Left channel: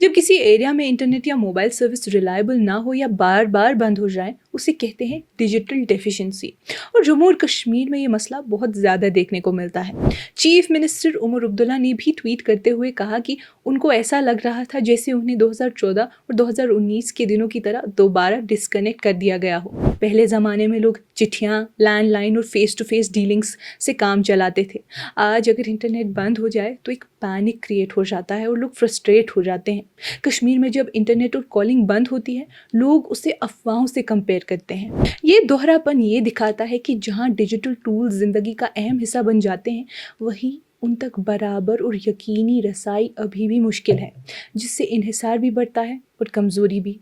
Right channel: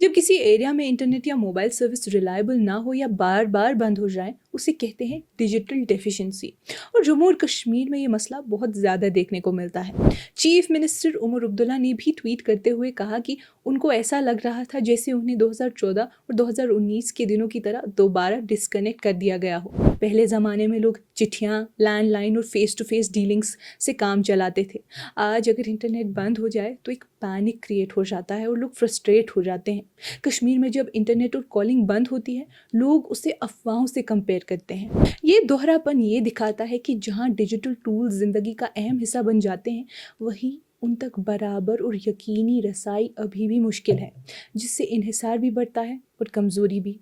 जब किसी एरिया में इंटरनेट या मोबाइल सर्विस रिलायबल ना हो या बार बार बंद हो जाए, उसे कहते हैं डिजिटल डेफिशिएंसी। और जम्मू और कश्मीर में ये मसला बहुत ज़्यादा देखने को मिलता है। चीफ मिनिस्टर उमर अब्दुल्ला ने भी ट्वीट करते हुए कहा कि उनको ऐसा लग रहा था जैसे उन्हें 2014 और 2019 के दिनों की तरह दोबारा डिस्कनेक्ट कर दिया गया हो। पहले ज़माने में लोग चिट्ठियाँ, लैंडलाइन और फेस टू फेस डीलिंग्स से काम चलाते थे। आज अगर इंटरनेट बंद हो जाए तो एक पैनिक क्रिएट हो जाता है और लोग फ्रस्ट्रेट हो जाते हैं। कश्मीर में जब इंटरनेट और कॉलिंग बंद होती है, लोग उसे अफवाहों से कंपेयर करते हैं। ये दोहरापन ये दिखाता है कि जहाँ डिजिटल टूल्स ज़िंदगी का अहम हिस्सा बन जाते हैं, वहीं उन तक बराबर और यकीनी रसाई अभी भी मुश्किल है, जिससे इन्हिसार भी बढ़ता है और कमज़ोरी भी।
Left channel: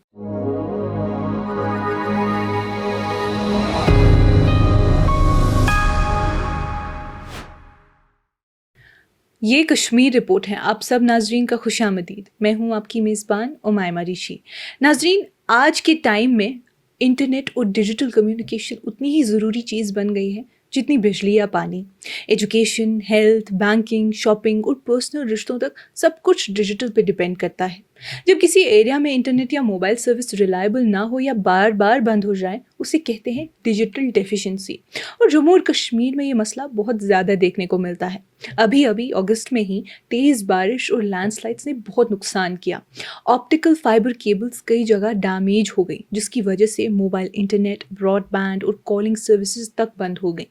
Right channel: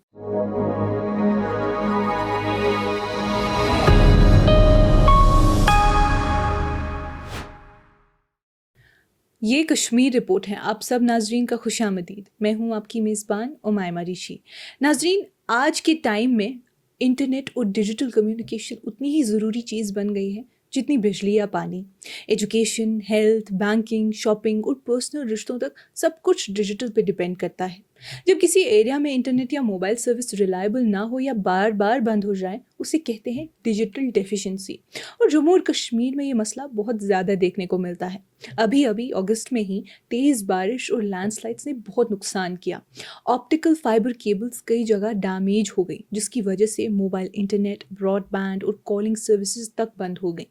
ये कश्मीर रिपोर्ट है। आप सब नाजरीन का खुशामदीद। मैं हूँ आपकी मेज़बान उमायमा ऋषि। नाजरीन, आज के टाइम में इंटरनेट और डिजिटल कम्युनिकेशन उतनी ही ज़रूरी चीज़ बन गई है जितनी बिजली या पानी। एजुकेशन, हेल्थ, बैंकिंग, शॉपिंग और पर्सनल रिश्तों तक सब कुछ डिजिटल पे डिपेंड करता है। जब किसी एरिया में इंटरनेट या मोबाइल सर्विस रिलायबल ना हो या बार बार बंद हो जाए, उसे कहते हैं डिजिटल डेफिशिएंसी। और जम्मू और कश्मीर में ये मसला बहुत ज़्यादा देखने को मिलता है। अभी अगस्त में ही तेज़ बारिश और लैंडस्लाइड्स ने बहुत नुकसान किया। ऑप्टिकल फाइबर केबल्स कई जगह डैमेज हो गई, जिसकी वजह से मोबाइल इंटरनेट, ब्रॉडबैंड और कॉलिंग सर्विसेज तक बंद हो गई।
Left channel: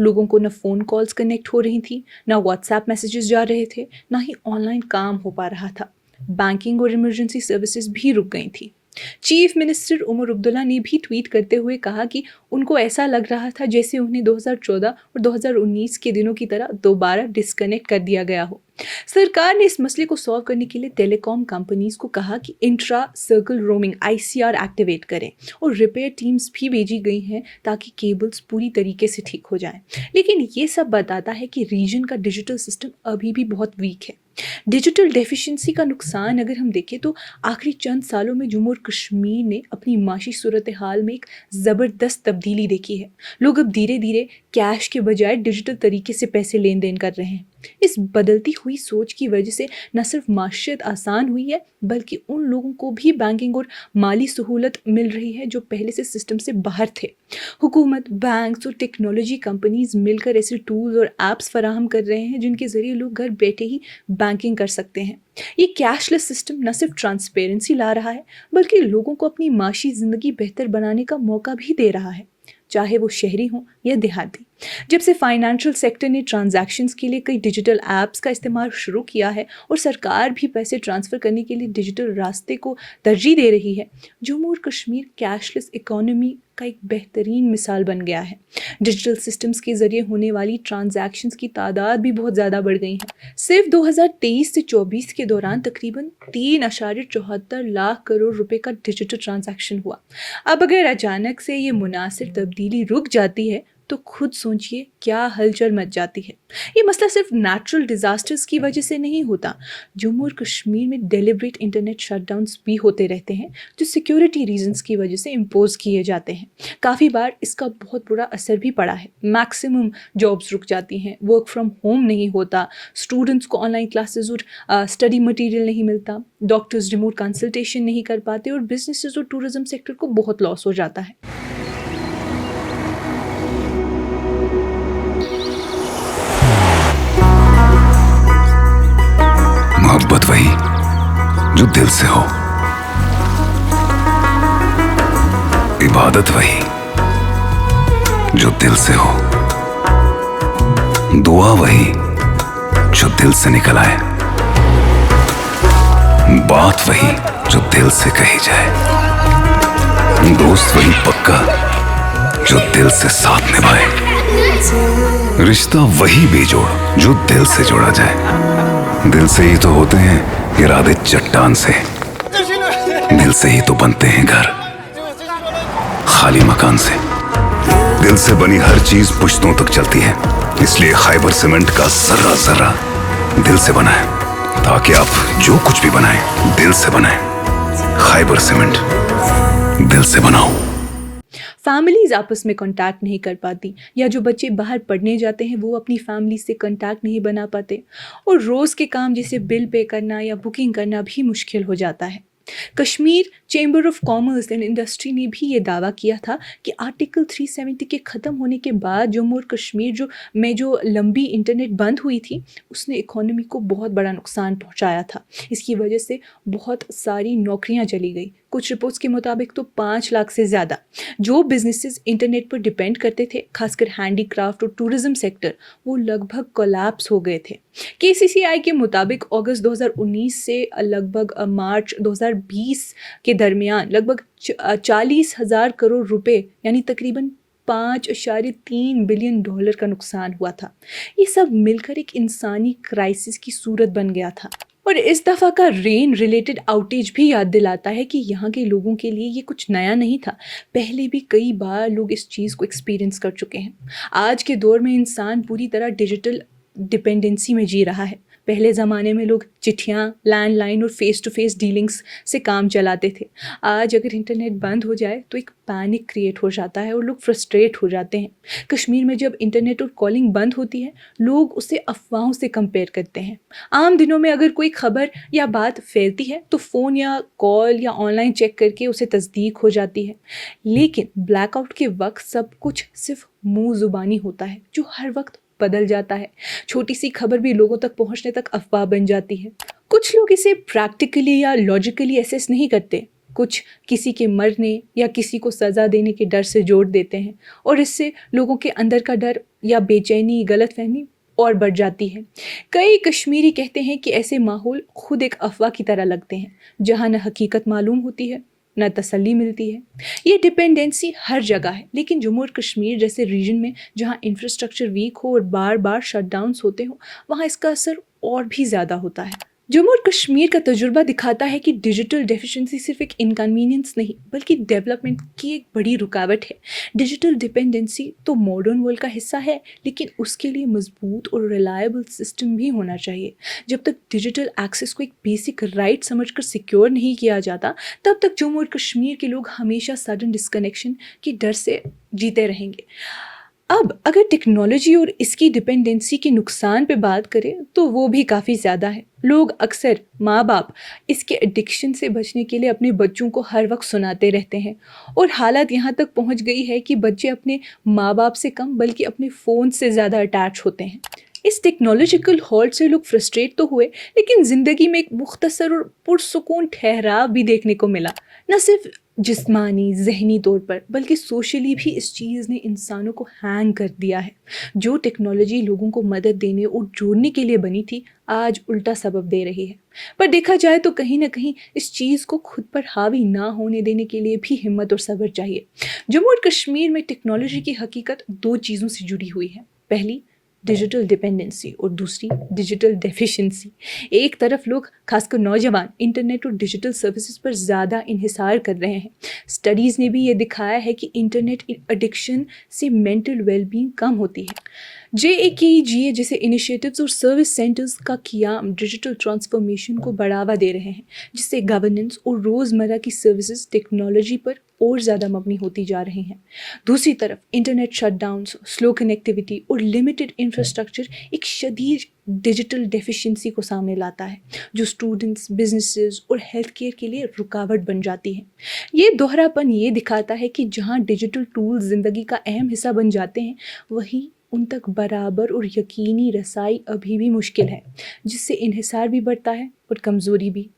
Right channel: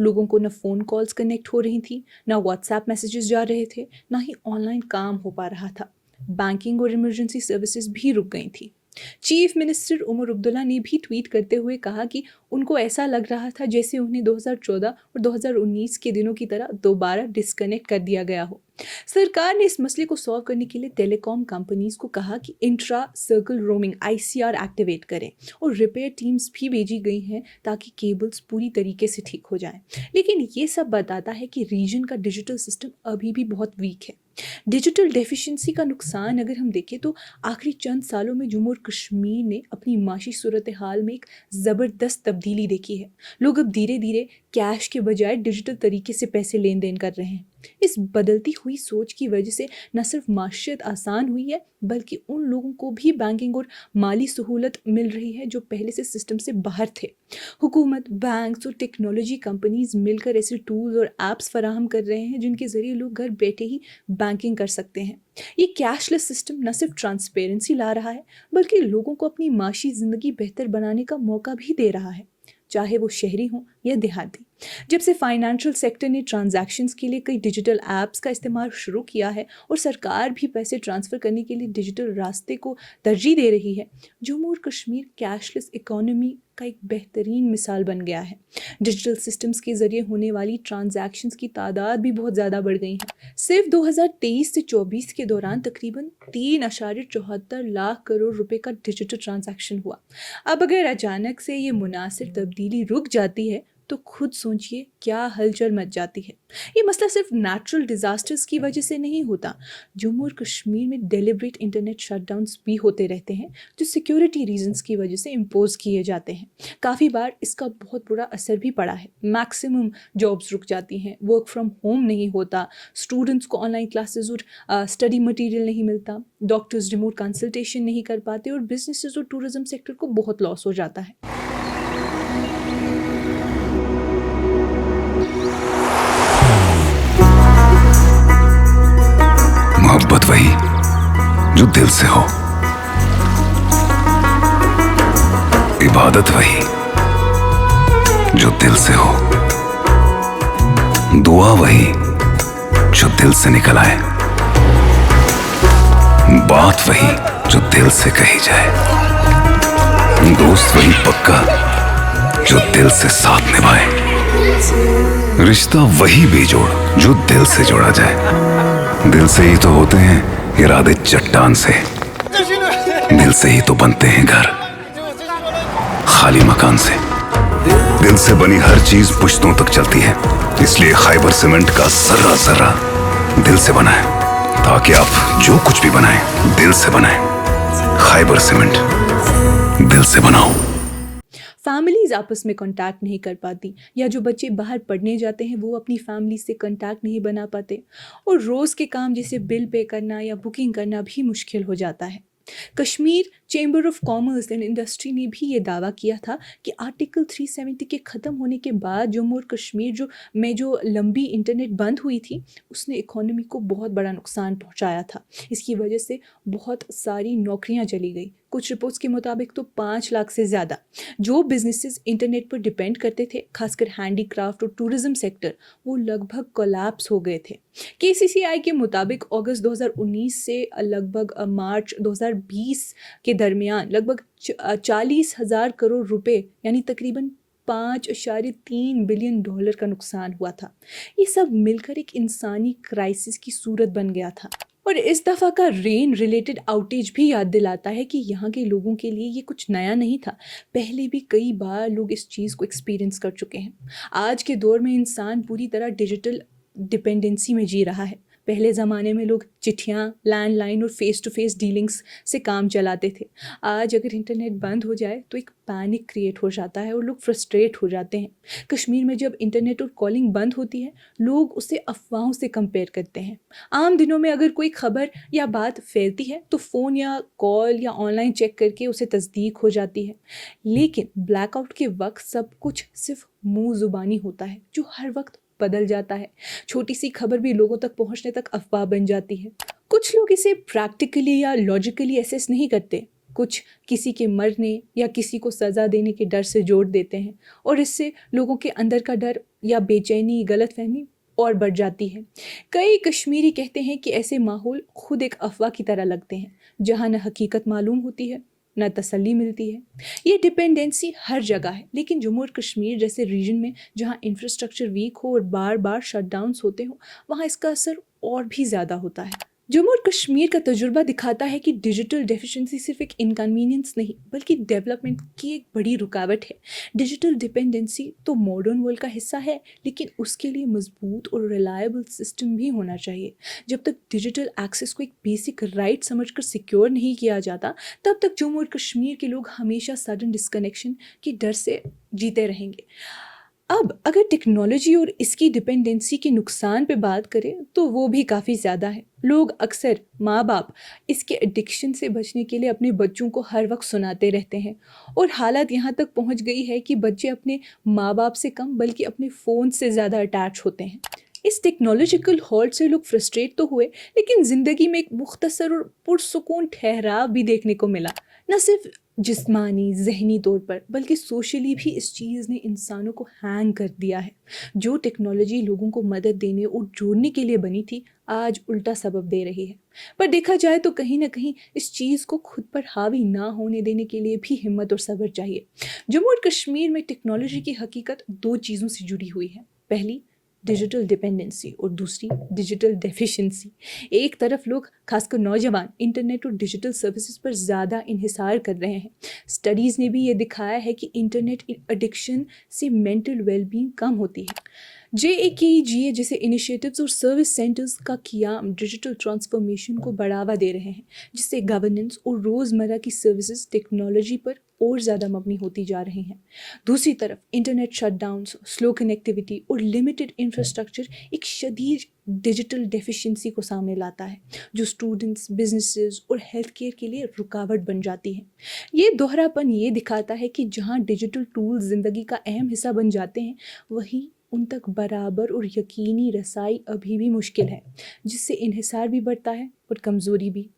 लोगों को न फ़ोन कॉल्स कनेक्ट हो रही थी, ना व्हाट्सएप मैसेजेस जा रहे थे, ना ही ऑनलाइन काम हो पा रहा था। बैंकिंग और इमरजेंसी सर्विसेज भी रुक गई थी। चीफ मिनिस्टर उमर अब्दुल्ला ने भी ट्वीट करते हुए कहा कि उनको ऐसा लग रहा था जैसे उन्हें 2014 और 2019 के दिनों की तरह दोबारा डिस्कनेक्ट कर दिया गया हो। सरकार ने इस मसले को सॉल्व करने के लिए टेलीकॉम कंपनीज को कहा कि intra circle roaming ICR activate करें और रिपेयर टीम्स भी भेजी गई हैं ताकि केबल्स पूरी तरीके से ठीक हो जाएं। लेकिन ये सब बताता है कि रीजन का डिजिटल सिस्टम अभी भी बहुत वीक है। डिजिटल डेफिशिएंसी का नुकसान अगर हम देखें तो आखिरी चंद सालों में जम्मू और कश्मीर ने अपनी माशी सूरत हाल में एक ज़बरदस्त तब्दीली देखी है। लोग अब धीरे धीरे कैश के बजाय डिजिटल तरीके से पैसे लेन देन कर रहे हैं। इस बदलती हुई सोच की वजह से न सिर्फ माशियत आसान हुई है, बल्कि उन लोगों को भी बैंकिंग और माली सहूलत मिल रही है जो पहले से सिस्टम से बाहर थे। हुकूमत, बैंक्स और टेक्नोलॉजी कंपनीज मिलकर ऐसे टूल्स और ऐप्स फराहम कर रहे हैं जिनके ज़रिए लोग घर बैठे ही बैंकिंग कर सकते हैं। ये कैशलेस सिस्टम न सिर्फ ट्रांसपेरेंसी ला रहा है, बल्कि लोगों को अपनी माशी ज़िंदगी बेहतर बनाने का मौका भी दे रहा है, चाहे वो शहरी हों या देहाती। जब से फाइनेंशियल सेक्टर ने ट्रांजैक्शंस के लिए कई डिजिटल ऐप्स का इस्तेमाल शुरू किया है और सरकार भी पैसे ट्रांसफ़र करने के लिए डिजिटल रास्ते को तरजीह दे रही है, जम्मू और कश्मीर कैशलेस इकोनॉमी का एक बेहतरीन मिसाल बन गया है। डिजिटल सिस्टम्स के ज़रिए होने वाली ट्रांजैक्शंस की तादाद भी बहुत ज़्यादा बढ़ गई है। सिर्फ 2023 से 24 के दौरान तकरीबन 3.74 लाख करोड़ रुपए का डिजिटल ट्रांजैक्शन हुआ। अब अगर अचानक से ये मुनासिब तब्दीली रुक जाती है तो खुद सोचिए क्या हलचल मच जाती है। ये मसला सिर्फ नेचुरल डिज़ास्टर्स की वजह से नहीं होता। जम्मू और कश्मीर में डेलिब्रेट इंटरनेट शटडाउन्स भी होते रहते हैं जो सिक्योरिटी रीजंस की वजह से इम्पोज किए जाते हैं। काफ़ी बार इसका बहुत बुरा असर भी पड़ा है। मैक्सिमम जॉब्स रुक जाती हैं, वर्क फ्रॉम होम नहीं होता, स्टूडेंट्स को ऑनलाइन क्लासेस और स्टडी मटीरियल नहीं मिलता, डॉक्टर्स रिमोट कंसल्टेशन नहीं कर पाते और बिजनेसेस और टूरिज्म सेक्टर को बहुत लॉस हो जाता है। मोहब्बत वही जो दिल से हो, इबादत वही जो दिल से हो, दुआ वही जो दिल से निकल आए, बात वही जो दिल से कही जाए, दोस्त वही पक्का जो दिल से साथ निभाए, रिश्ता वही बेजोड़ जो दिल से जोड़ा जाए। दिल से ही तो होते हैं इरादे चट्टान से, दिल से ही तो बनते हैं घर खाली मकान से। दिल से बनी हर चीज पुश्तों तक चलती है, इसलिए खैबर सीमेंट का जर्रा जर्रा दिल से बना है, ताकि आप जो कुछ भी बनाएं दिल से बनाएं। खैबर सीमेंट, दिल से बनाओ। फैमिलीज़ आपस में कॉन्टैक्ट नहीं कर पाती, या जो बच्चे बाहर पढ़ने जाते हैं वो अपनी फैमिली से कॉन्टैक्ट नहीं बना पाते, और रोज़ के काम जैसे बिल पे करना या बुकिंग करना भी मुश्किल हो जाता है। Kashmir chamber of commerce and industry ने भी ये दावा किया था कि आर्टिकल 370 के ख़त्म होने के बाद जम्मू और कश्मीर जो लंबी इंटरनेट बंद हुई थी, उसने इकोनॉमी को बहुत बड़ा नुकसान पहुंचाया था। इसकी वजह से बहुत सारी नौकरियां चली गई। कुछ रिपोर्ट्स के मुताबिक तो 5 लाख से ज़्यादा जो बिजनेसेस इंटरनेट पर डिपेंड करते थे, खासकर हैंडीक्राफ्ट और टूरिज्म सेक्टर, वो लगभग कोलैप्स हो गए थे। केसीसीआई के मुताबिक अगस्त 2019 से लगभग मार्च 2020 के दरमियान लगभग 40,000 करोड़ रुपए यानी तकरीबन $5.3 बिलियन का नुकसान हुआ था। ये सब मिलकर एक इंसानी क्राइसिस की सूरत बन गया था। और इस दफ़ा का रेन रिलेटेड आउटेज भी याद दिलाता है कि यहाँ के लोगों के लिए ये कुछ नया नहीं था। पहले भी कई बार लोग इस चीज़ को एक्सपीरियंस कर चुके हैं। आज के दौर में इंसान पूरी तरह डिजिटल डिपेंडेंसी में जी रहा है। पहले ज़माने में लोग चिट्ठियाँ, लैंडलाइन और फेस टू फेस डीलिंग्स से काम चलाते थे। आज अगर इंटरनेट बंद हो जाए तो एक पैनिक क्रिएट हो जाता है और लोग फ्रस्ट्रेट हो जाते हैं। कश्मीर में जब इंटरनेट और कॉलिंग बंद होती है, लोग उसे अफवाहों से कंपेयर करते हैं। आम दिनों में अगर कोई खबर या बात फैलती है तो फ़ोन या कॉल या ऑनलाइन चेक करके उसे तस्दीक हो जाती है। लेकिन ब्लैकआउट के वक्त सब कुछ सिर्फ मुँह ज़ुबानी होता है, जो हर वक्त बदल जाता है। छोटी सी खबर भी लोगों तक पहुंचने तक अफवाह बन जाती है। कुछ लोग इसे प्रैक्टिकली या लॉजिकली एसेस नहीं करते, कुछ किसी के मरने या किसी को सज़ा देने के डर से जोड़ देते हैं, और इससे लोगों के अंदर का डर या बेचैनी, गलतफहमी और बढ़ जाती है। कई कश्मीरी कहते हैं कि ऐसे माहौल खुद एक अफवाह की तरह लगते हैं, जहाँ न हकीकत मालूम होती है न तसल्ली मिलती है। ये डिपेंडेंसी हर जगह है, लेकिन जम्मू और कश्मीर जैसे रीजन में जहाँ इंफ्रास्ट्रक्चर वीक हो और बार बार शटडाउन्स होते हो, वहाँ इसका असर और भी ज़्यादा होता है। जम्मू और कश्मीर का तजुर्बा दिखाता है कि डिजिटल डेफिशिएंसी सिर्फ एक इनकन्वीनियंस नहीं बल्कि डेवलपमेंट की एक बड़ी रुकावट है। डिजिटल डिपेंडेंसी तो मॉडर्न वर्ल्ड का हिस्सा है, लेकिन उसके लिए मजबूत और रिलायबल सिस्टम भी होना चाहिए। जब तक डिजिटल एक्सेस को एक बेसिक राइट समझकर सिक्योर नहीं किया जाता, तब तक जम्मू और कश्मीर के लोग हमेशा सडन डिस्कनेक्शन के डर से जीते रहेंगे। अब अगर टेक्नोलॉजी और इसकी डिपेंडेंसी के नुकसान पे बात करें तो वो भी काफ़ी ज़्यादा है। लोग अक्सर, माँ बाप, इसके एडिक्शन से बचने के लिए अपने बच्चों को हर वक्त सुनाते रहते हैं, और हालत यहाँ तक पहुँच गई है कि बच्चे अपने माँ बाप से कम बल्कि अपने फ़ोन से ज़्यादा अटैच होते हैं। इस टेक्नोलॉजिकल हॉल्ट से लोग फ्रस्ट्रेट तो हुए, लेकिन ज़िंदगी में एक मुख्तसर और पुरसुकून ठहराव भी देखने को मिला। न सिर्फ जिस्मानी ज़हनी तौर पर बल्कि सोशली भी इस चीज़ ने इंसानों को हैंग कर दिया है। जो टेक्नोलॉजी लोगों को मदद देने और जोड़ने के लिए बनी थी, आज उल्टा सबब दे रही है। पर देखा जाए तो कहीं ना कहीं इस चीज़ को खुद पर हावी ना होने देने के लिए भी हिम्मत और सब्र चाहिए। जम्मू और कश्मीर में टेक्नोलॉजी की हकीकत 2 चीज़ों से जुड़ी हुई है। पहली डिजिटल डिपेंडेंसी और दूसरी डिजिटल डेफिशिएंसी। एक तरफ लोग, खासकर नौजवान, इंटरनेट और डिजिटल सर्विसेज पर ज़्यादा इन्हिसार कर रहे हैं। स्टडीज़ ने भी ये दिखाया है कि इंटरनेट एडिक्शन से मेंटल वेलबींग कम होती है। JAKGA जैसे इनिशिएटिव्स और सर्विस सेंटर्स का क़याम डिजिटल ट्रांसफॉर्मेशन को बढ़ावा दे रहे हैं, जिससे गवर्नेंस और रोज़मर्रा की सर्विसेज टेक्नोलॉजी पर और ज़्यादा मबनी होती जा रही हैं। दूसरी तरफ इंटरनेट शटडाउन्स, स्लो कनेक्टिविटी और लिमिटेड इंफ्रास्ट्रक्चर एक शदीद डिजिटल डेफिशिएंसी को सामने लाता है, जो स्टूडेंट्स, बिजनेसेस और हेल्थ केयर के लिए रुकावट बन जाती है। ये दोहरापन ये दिखाता है कि जहाँ डिजिटल टूल्स ज़िंदगी का अहम हिस्सा बन जाते हैं, वहीं उन तक बराबर और यकीनी रसाई अभी भी मुश्किल है, जिससे इन्हिसार भी बढ़ता है और कमज़ोरी भी।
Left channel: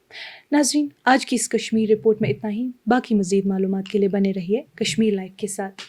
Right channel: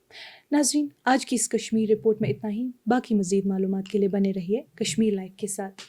नाज़रीन, आज की इस कश्मीर रिपोर्ट में इतना ही। बाकी मज़ीद मालूमात के लिए बने रहिए कश्मीर लाइव के साथ।